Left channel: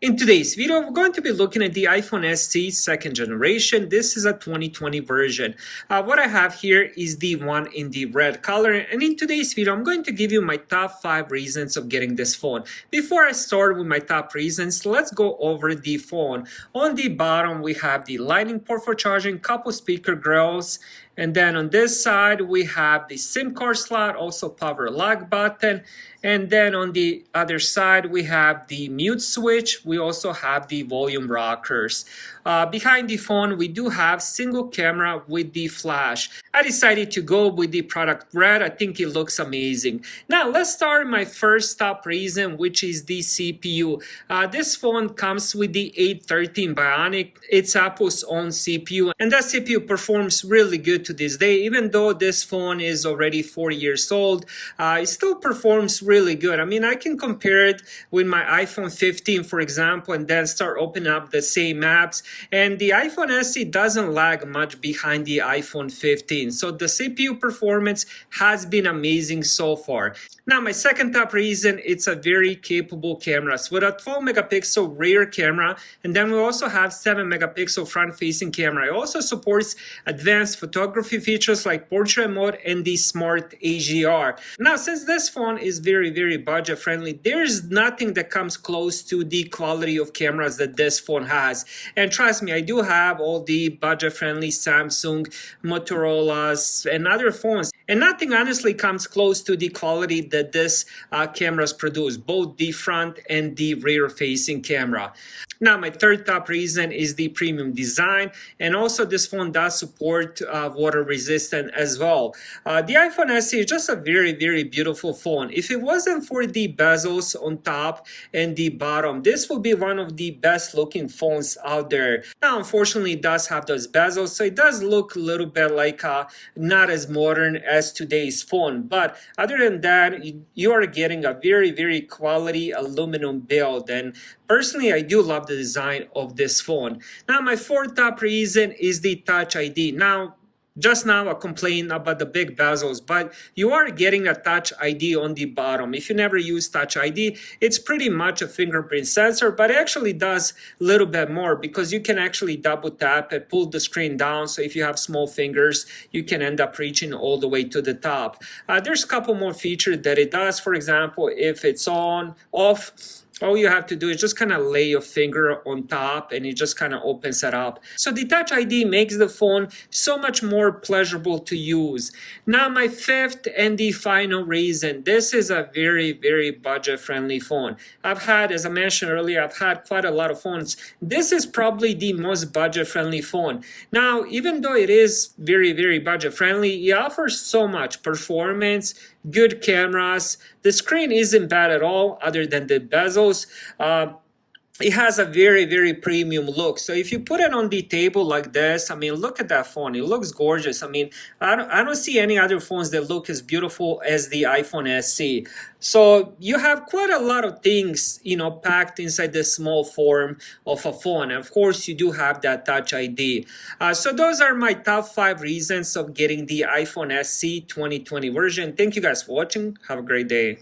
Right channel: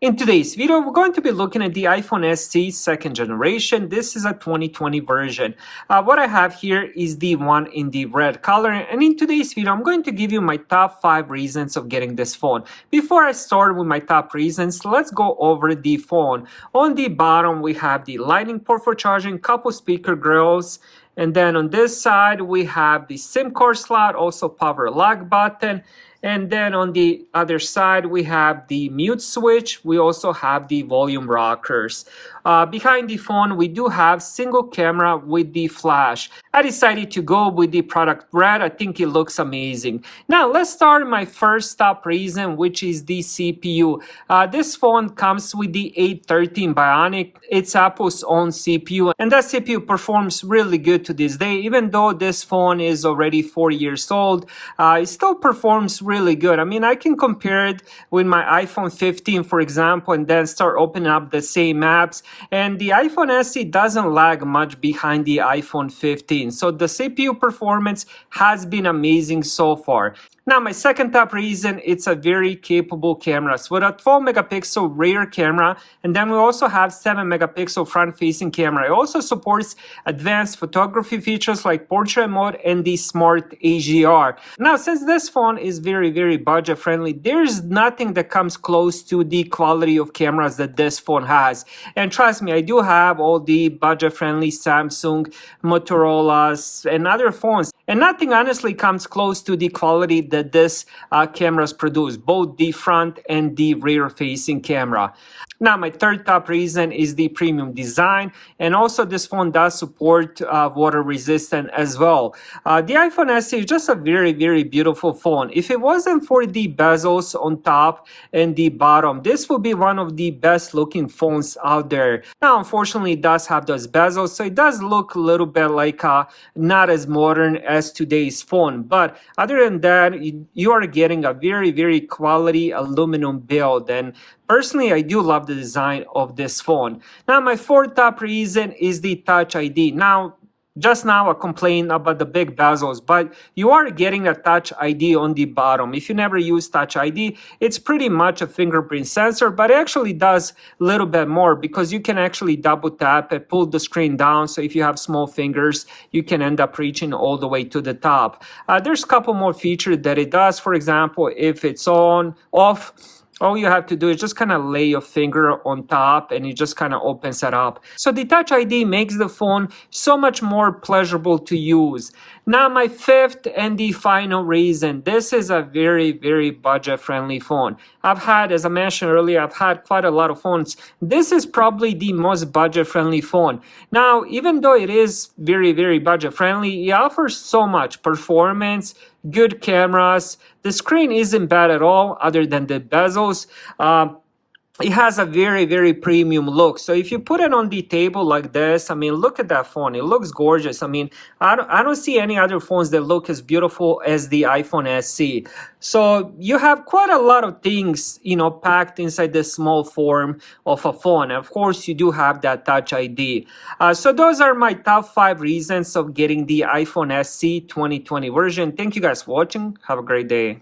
In today's video, we're going to be looking at the iPhone SE second generation. This is a 2020 version. What I have here is the one in the red color. And in today's video, I'm going to give you my top 5 reasons of getting this phone. Before I start with my top reasons, let's go over the phone. On the bottom, we have the lightning port for charging, couple speaker grills. And then on this side, we have the SIM card slot, also power lock button. And then on the other side, we have the mute switch. We also have the volume rockers. Behind the phone, we do have single camera with the flash. I decided to go with the product red. I think it looks amazing. Now, let's start my first top reason, which is the CPU. This phone comes with the A13 Bionic. It's Apple's own CPU, and that CPU performs really good to this day. Even though this phone is already 4 years old, it still performs really good. I mean, I can compare it with my iPhone 15, for example, and then start opening up the same apps. And the iPhone SE doesn't lag much behind the iPhone 15. So the CPU performance has been amazing so far. Now, my second top reason, it's a very capable camera. So with a 12 megapixel rear camera, and then we also have 7 megapixel front-facing camera. It also supports advanced photography features like portrait mode and the smart HDR. Now, since this phone is very budget-friendly, there's nothing that comes close to the quality of cameras that this phone has. And trust me, I do have all the budget-friendly Samsung, Motorola's, and other phones. And nothing honestly comes close to the quality that this cameras produce, both the front and the rear facing camera. Now, my third top reason is the premium design, and also this phone does support water resistant as well. The iPhone SE is just a very beautiful phone. If it wasn't for the bezels on top and the bottom, this would be one of the best looking phones out there. Now, unfortunately, it does have those bezels, so it does look a little bit like not as modern as today's phone. But other than that, you are getting a very quality aluminum build, and personally, I do love the design of this phone. Now, my fourth top reason is the Touch ID. Now, just now I complained about the big bezels, but you are getting a Touch ID on the bottom. If you never use Touch ID, it's pretty much a fingerprint sensor, but it actually does a little bit more because you can actually double tap and pull the screen down. So if you have small fingers, you can end up reaching all the way to the top. There's a couple more features that it does. For example, if it's off, all you have to do is just kind of lay your finger on top and it just kind of opens it up. So the Touch ID makes the phone so much more pleasurable to use. Now, my fifth and the final reason, this is a very budget-friendly phone. I've had, as I mentioned earlier, I've had quite a lot of phones. This is probably the most budget-friendly phone. Now, even though it is very budget-friendly, it offers so much performance, good cameras. The screen isn't bad at all other than the bezels. It has a very premium look. So if you put it on the table like this, I mean, look at that phone. It looks gorgeous. I mean, I don't see any other phones that look as beautiful as the iPhone SE. So you have quite a lot of things, packed inside this small form of a phone. And of course, you do have that Touch ID. So those are my top 5 reasons of getting the iPhone SE 2020 version. Thank you guys for watching. Have a great day.